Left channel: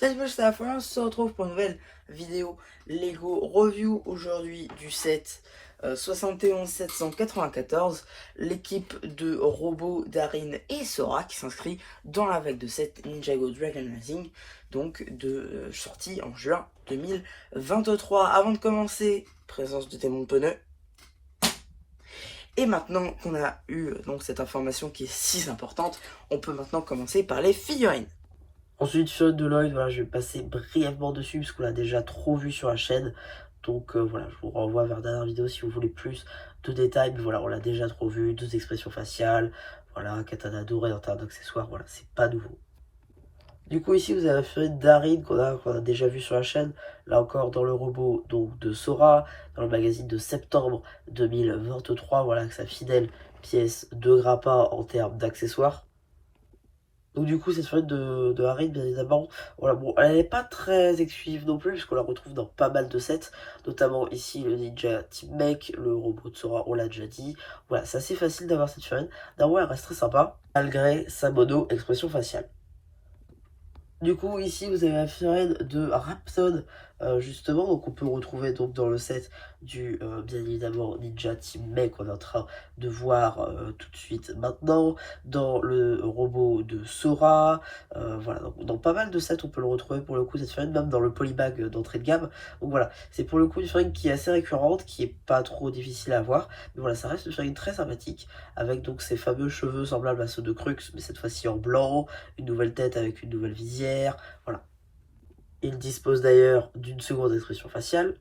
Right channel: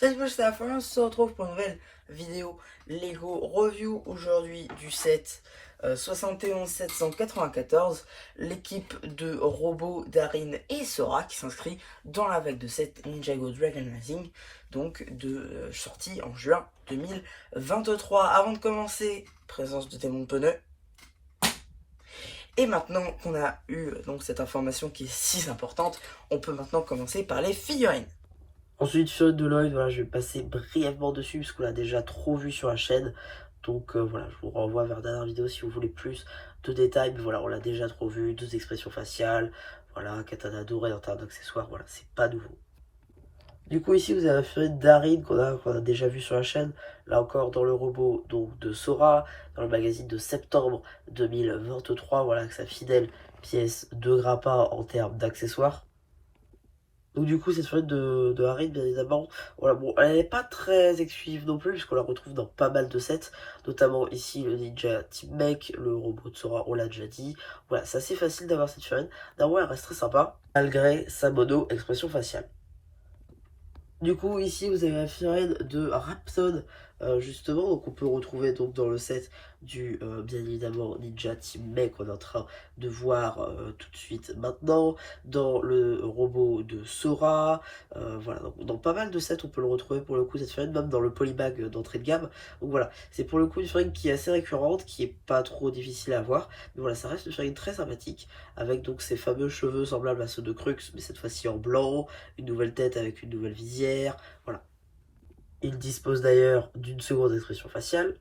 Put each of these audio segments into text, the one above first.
Salut, moi c'est la fin, on se retrouve pour une nouvelle vidéo Lego Review aujourd'hui du set 71 794, l'équipe de robots Darin et Sora qui s'inscrit dans la vague de set Ninjago Dragon Rising, donc de sortie en juin 2023. Avant de commencer, présence de démons de pneus. Et maintenant qu'on a eu donc cette information qui est si importante, on peut maintenant commencer par les figurines. Ensuite, sur de Lloyd, voilà, je vais passer brièvement dessus parce qu'on l'a déjà trop vu sur la chaîne. Donc voilà, je vous renvoie vers la dernière vidéo si vous voulez plus de détails. Mais voilà, on l'a déjà trop vu, deux expressions faciales, voilà, katana doré en termes d'accessoires, voilà, c'est pas nouveau. Du coup, ici, vous avez la figurine Darin qu'on a déjà vu sur la chaîne. Là encore, dans le robot donc, de Sora, dans le magazine de septembre 2023, voilà, avec sa fidèle pièce de grappin en termes d'accessoires. Donc du coup, cette figurine de Harry, bien évidemment, voilà, bon, elle n'est pas très exclusive non plus, puisqu'on la retrouve dans pas mal de sets, notamment ici le Ninja Team Mech, le robot de Sora, on l'a déjà dit. Voilà, c'est assez facile d'avoir cette figurine. Néanmoins, elle reste très sympa, malgré sa mono expression faciale. Du coup, ici, vous avez la figurine de Rapson, justement, donc on peut retrouver donc dans le set du, bien évidemment, Ninja Team Mech qu'on est en train de voir tout de suite maintenant, dans le robot de Sora, voilà, donc dans pas mal de sets, on peut le retrouver pour le coup, cette figurine, même dans le polybag d'entrée de gamme. Donc voilà, c'est pour le coup une figurine qui est assez récurrente, qui est pas trop difficile à avoir, mais voilà, ça reste une figurine très sympathique, avec donc ces fameux cheveux semblables à ceux de Crux, mais cette fois-ci en blanc, une nouvelle tête avec une nouvelle visière, voilà. Il dispose d'ailleurs d'une seconde expression faciale.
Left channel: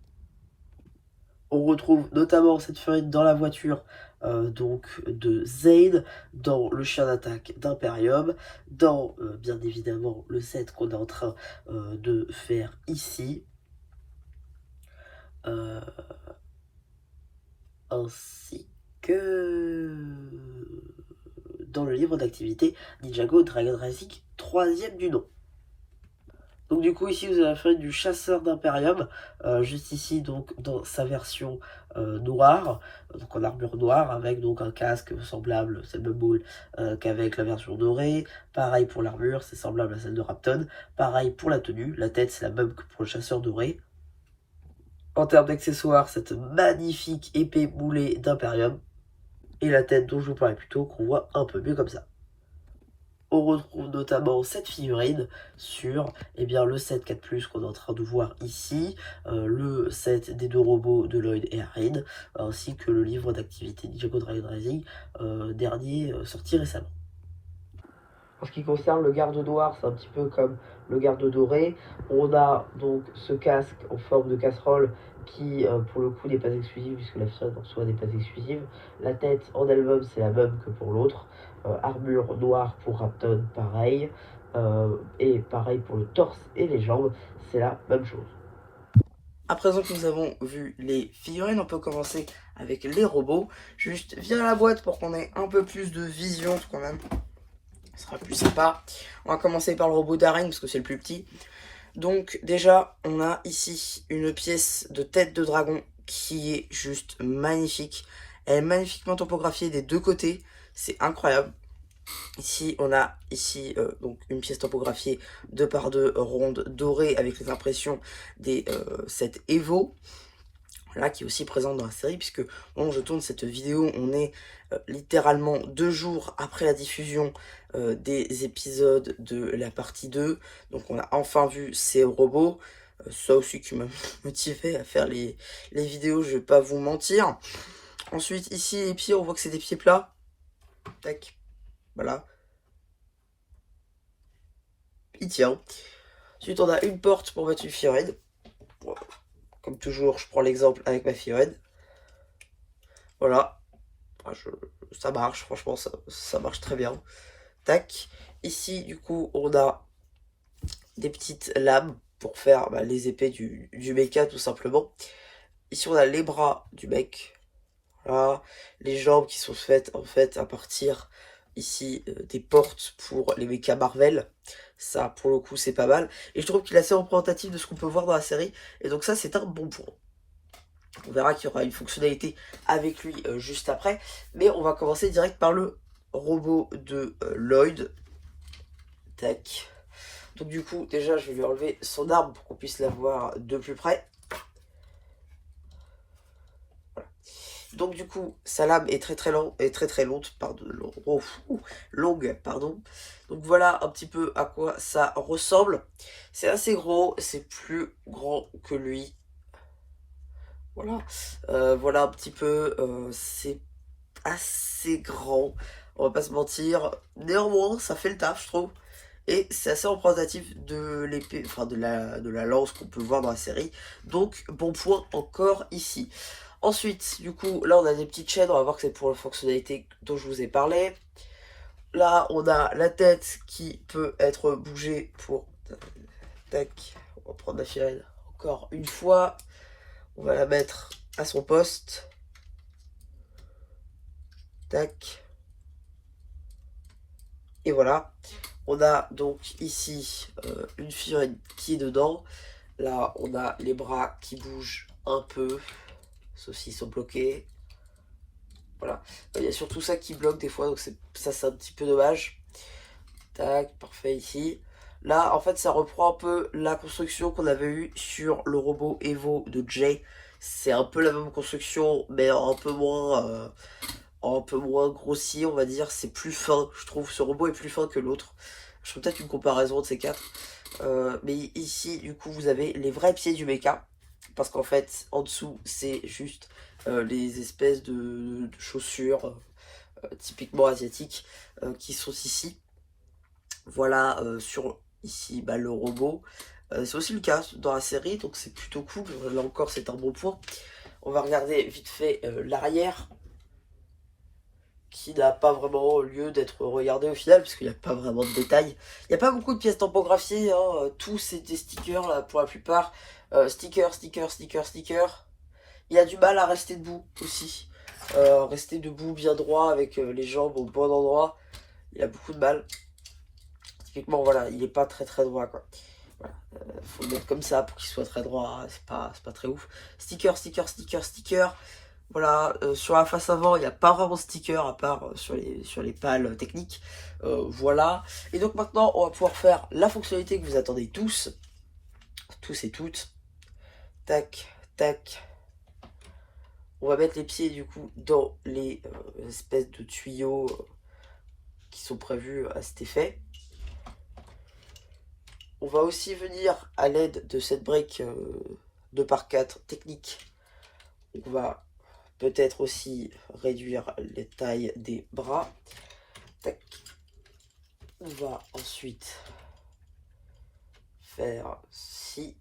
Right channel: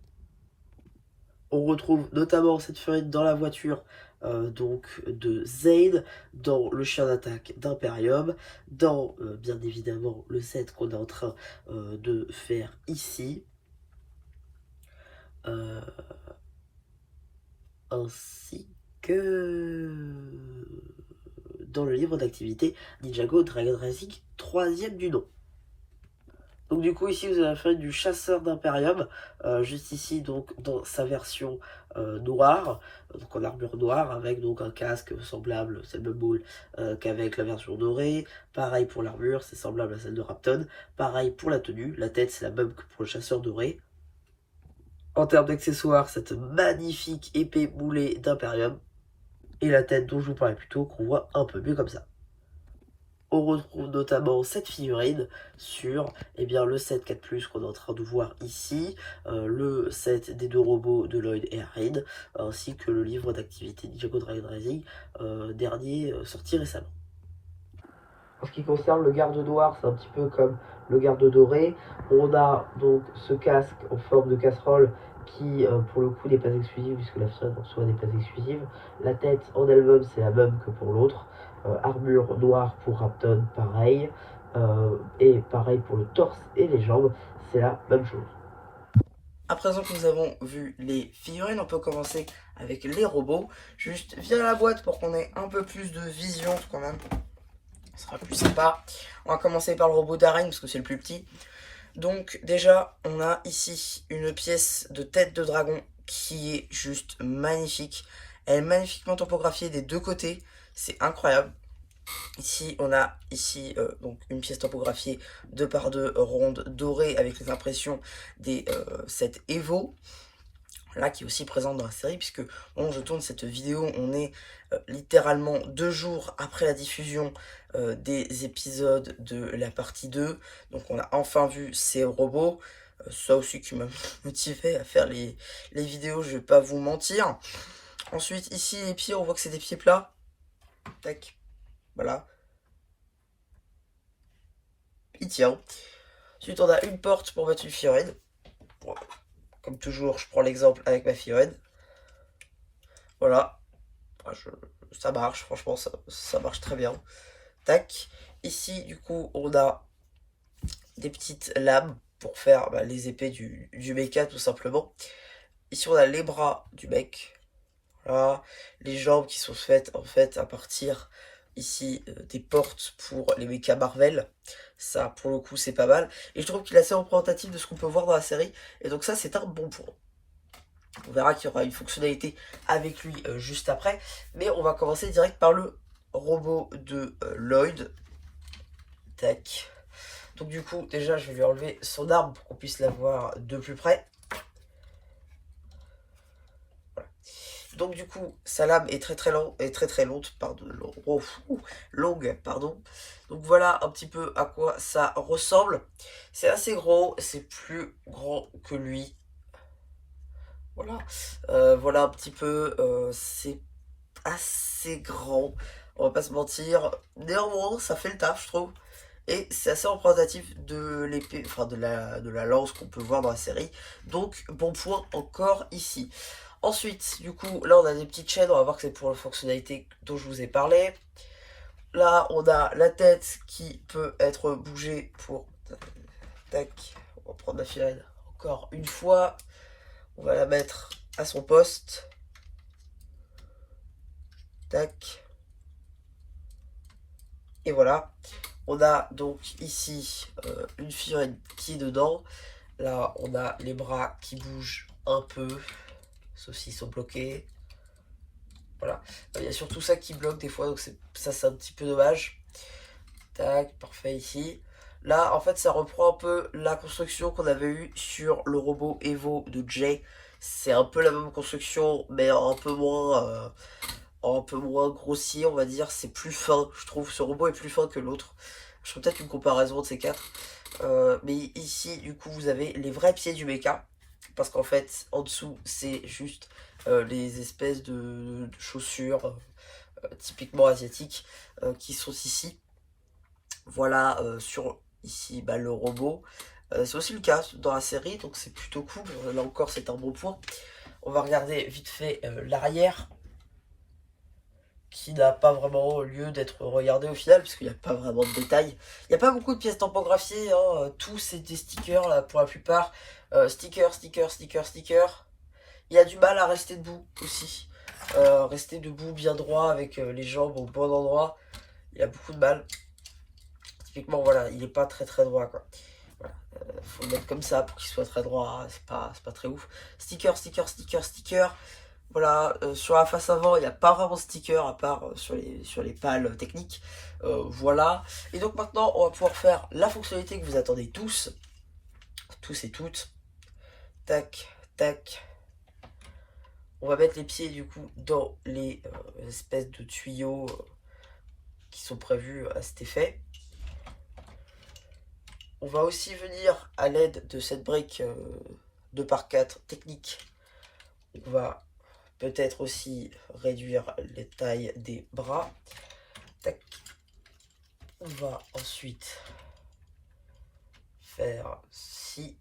On retrouve notamment cette figurine dans la voiture donc de Zane, dans le chien d'attaque d'Imperium, dans bien évidemment le set qu'on est en train de faire ici, euh, ainsi que dans le livre d'activité Ninjago Dragon Rising 3e du nom. Donc du coup ici vous avez la figurine du chasseur d'Imperium, juste ici donc dans sa version noire, donc en armure noire avec donc un casque semblable, c'est le même moule qu'avec la version dorée, pareil pour l'armure, c'est semblable à celle de Rapton, pareil pour la tenue, la tête c'est la même que pour le chasseur doré. En termes d'accessoires, cette magnifique épée moulée d'Imperium, et la tête dont je vous parlais plus tôt qu'on voit un peu mieux comme ça. On retrouve notamment cette figurine sur le set 4+, qu'on est en train de voir ici, le set des deux robots de Lloyd et Arin, ainsi que le livre d'activité Ninjago Dragon Rising, dernier sorti récemment. En ce qui concerne le garde noir, c'est un petit peu comme le garde doré. On a donc ce casque en forme de casserole qui, pour le coup, n'est pas exclusive, puisque la figurine en soi n'est pas exclusive. La tête en elle-même, c'est la même que pour l'autre. Armure noire pour Rapton, pareil. Et pareil pour le torse et les jambes, c'est la même chose. À présent que nous avons vu les figurines, on peut commencer avec les robots. Juste viens la boîte pour qu'on ait un peu plus de vision quand même. Ce sera plus sympa. On va commencer par le robot d'arène parce que c'est le plus petit. Donc déjà, on a ici une pièce de tête de dragon qui est juste magnifique. Elle est magnifiquement topographiée des deux côtés. C'est incroyable. Ici, on a donc une pièce topographiée 2x2 ronde dorée avec les impressions des sets Evo. Là, qui est aussi présente dans la série, puisque bon, je tourne cette vidéo, on est littéralement 2 jours après la diffusion des épisodes de la partie 2. Donc on a enfin vu ces robots. Ça aussi qui m'a motivé à faire les vidéos, je vais pas vous mentir. Ensuite, ici, les pieds, on voit que c'est des pieds plats. Tac, voilà. Il tient. Ensuite, on a une porte pour mettre une figurine. Voilà. Comme toujours, je prends l'exemple avec ma figurine. Voilà. Ça marche, franchement, ça marche très bien. Tac. Ici, du coup, on a des petites lames pour faire les épées du mecha, tout simplement. Ici, on a les bras du mec. Voilà. Les jambes qui sont faites, en fait, à partir, ici, des portes pour les mecha Marvel. Ça, pour le coup, c'est pas mal. Et je trouve qu'il est assez représentatif de ce qu'on peut voir dans la série. Et donc ça, c'est un bon point. On verra qu'il y aura une fonctionnalité avec lui juste après. Mais on va commencer direct par le robot de Lloyd. Tac. Donc du coup, déjà, je vais lui enlever son arme pour qu'on puisse la voir de plus près. Voilà. Donc du coup, sa lame est très longue, pardon, longue, pardon. Donc voilà un petit peu à quoi ça ressemble. C'est assez gros, c'est plus grand que lui. Voilà, voilà un petit peu, c'est assez grand, on va pas se mentir. Néanmoins, ça fait le taf, je trouve. Et c'est assez représentatif de l'épée, enfin de la lance qu'on peut voir dans la série. Donc, bon point encore ici. Ensuite, du coup, là on a des petites chaînes, on va voir que c'est pour la fonctionnalité dont je vous ai parlé. Là, on a la tête qui peut être bougée pour... Tac, on va prendre la sirène encore une fois. On va la mettre à son poste. Tac. Et voilà. On a donc ici une figurine qui est dedans. Là, on a les bras qui bougent un peu, sauf s'ils sont bloqués. Voilà. Il y a surtout ça qui bloque des fois, donc ça c'est un petit peu dommage. Tac, parfait ici. Là, en fait, ça reprend un peu la construction qu'on avait eue sur le robot Evo de Jay. C'est un peu la même construction, mais un peu moins grossier, on va dire. C'est plus fin, je trouve. Ce robot est plus fin que l'autre. Je ferai peut-être une comparaison de ces quatre. Mais ici, du coup, vous avez les vrais pieds du mecha. Parce qu'en fait, en dessous, c'est juste les espèces de chaussures typiquement asiatiques qui sont ici. Voilà, sur ici, bah, le robot. C'est aussi le cas dans la série, donc c'est plutôt cool. Là encore, c'est un bon point. On va regarder vite fait l'arrière, qui n'a pas vraiment lieu d'être regardé au final, puisqu'il n'y a pas vraiment de détails. Il n'y a pas beaucoup de pièces tampographiées, hein. Tous c'est des stickers là pour la plupart. Stickers. Il y a du mal à rester debout aussi. Rester debout bien droit avec les jambes au bon endroit. Il y a beaucoup de mal. Typiquement, voilà, il n'est pas très droit quoi. Voilà. Faut le mettre comme ça pour qu'il soit très droit, c'est pas très ouf. Sticker. Voilà, sur la face avant, il n'y a pas vraiment de sticker à part sur les pales techniques. Voilà. Et donc maintenant, on va pouvoir faire la fonctionnalité que vous attendez tous et toutes. Tac. On va mettre les pieds du coup dans les espèces de tuyaux qui sont prévus à cet effet. On va aussi venir à l'aide de cette brique 2x4 technique. On va peut-être aussi réduire les tailles des bras. Tac. On va ensuite faire ci.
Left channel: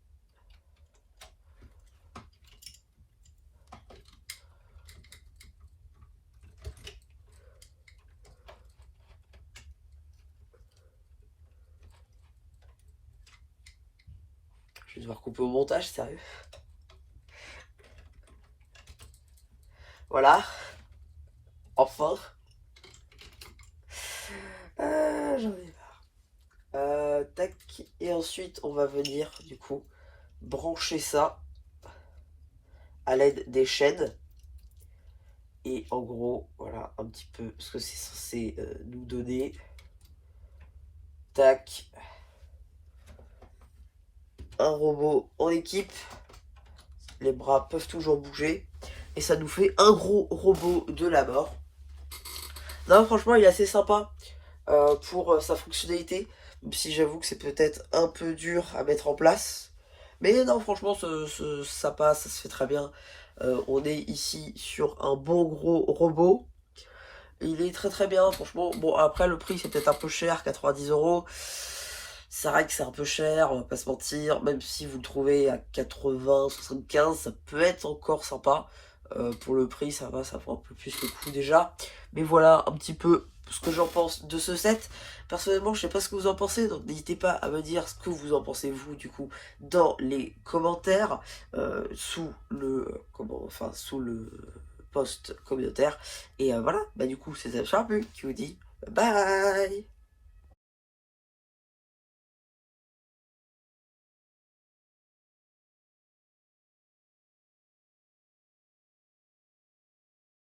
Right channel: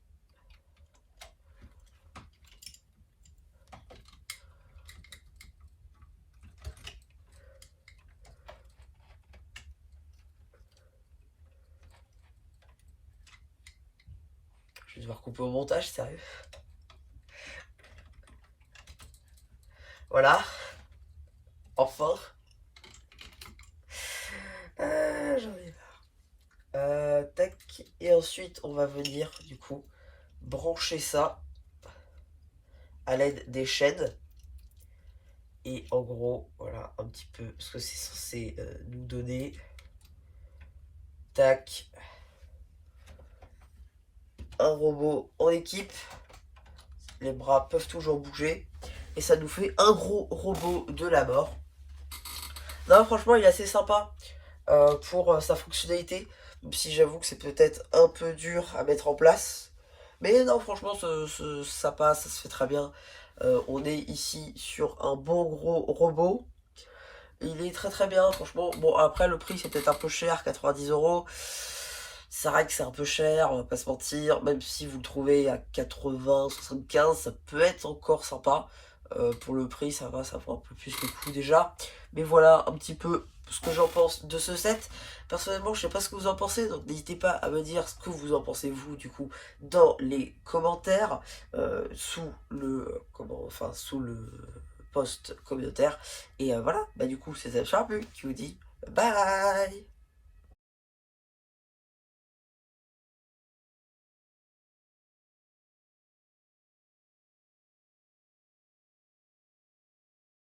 Je vais devoir couper au montage, sérieux. Voilà. Enfin. J'en ai marre. Tac. Et ensuite, on va venir, du coup, brancher ça à l'aide des chaînes. Et en gros, voilà un petit peu ce que c'est censé nous donner. Tac. Un robot en équipe. Les bras peuvent toujours bouger. Et ça nous fait un gros robot de la mort. Non, franchement, il est assez sympa pour sa fonctionnalité. Même si j'avoue que c'est peut-être un peu dur à mettre en place. Mais non, franchement, ça passe, ça se fait très bien. On est ici sur un bon gros robot. Il est très bien, franchement. Bon, après, le prix, c'est peut-être un peu cher, 90 €. C'est vrai que c'est un peu cher, on va pas se mentir. Même si vous le trouvez à 80, 75, ça peut être encore sympa. Pour le prix, ça vaut un peu plus le coup déjà. Mais voilà un petit peu ce que j'en pense de ce set. Personnellement, je sais pas ce que vous en pensez, donc n'hésitez pas à me dire ce que vous en pensez vous du coup dans les commentaires sous le post communautaire. Et voilà, bah du coup c'est Charbu qui vous dit bye.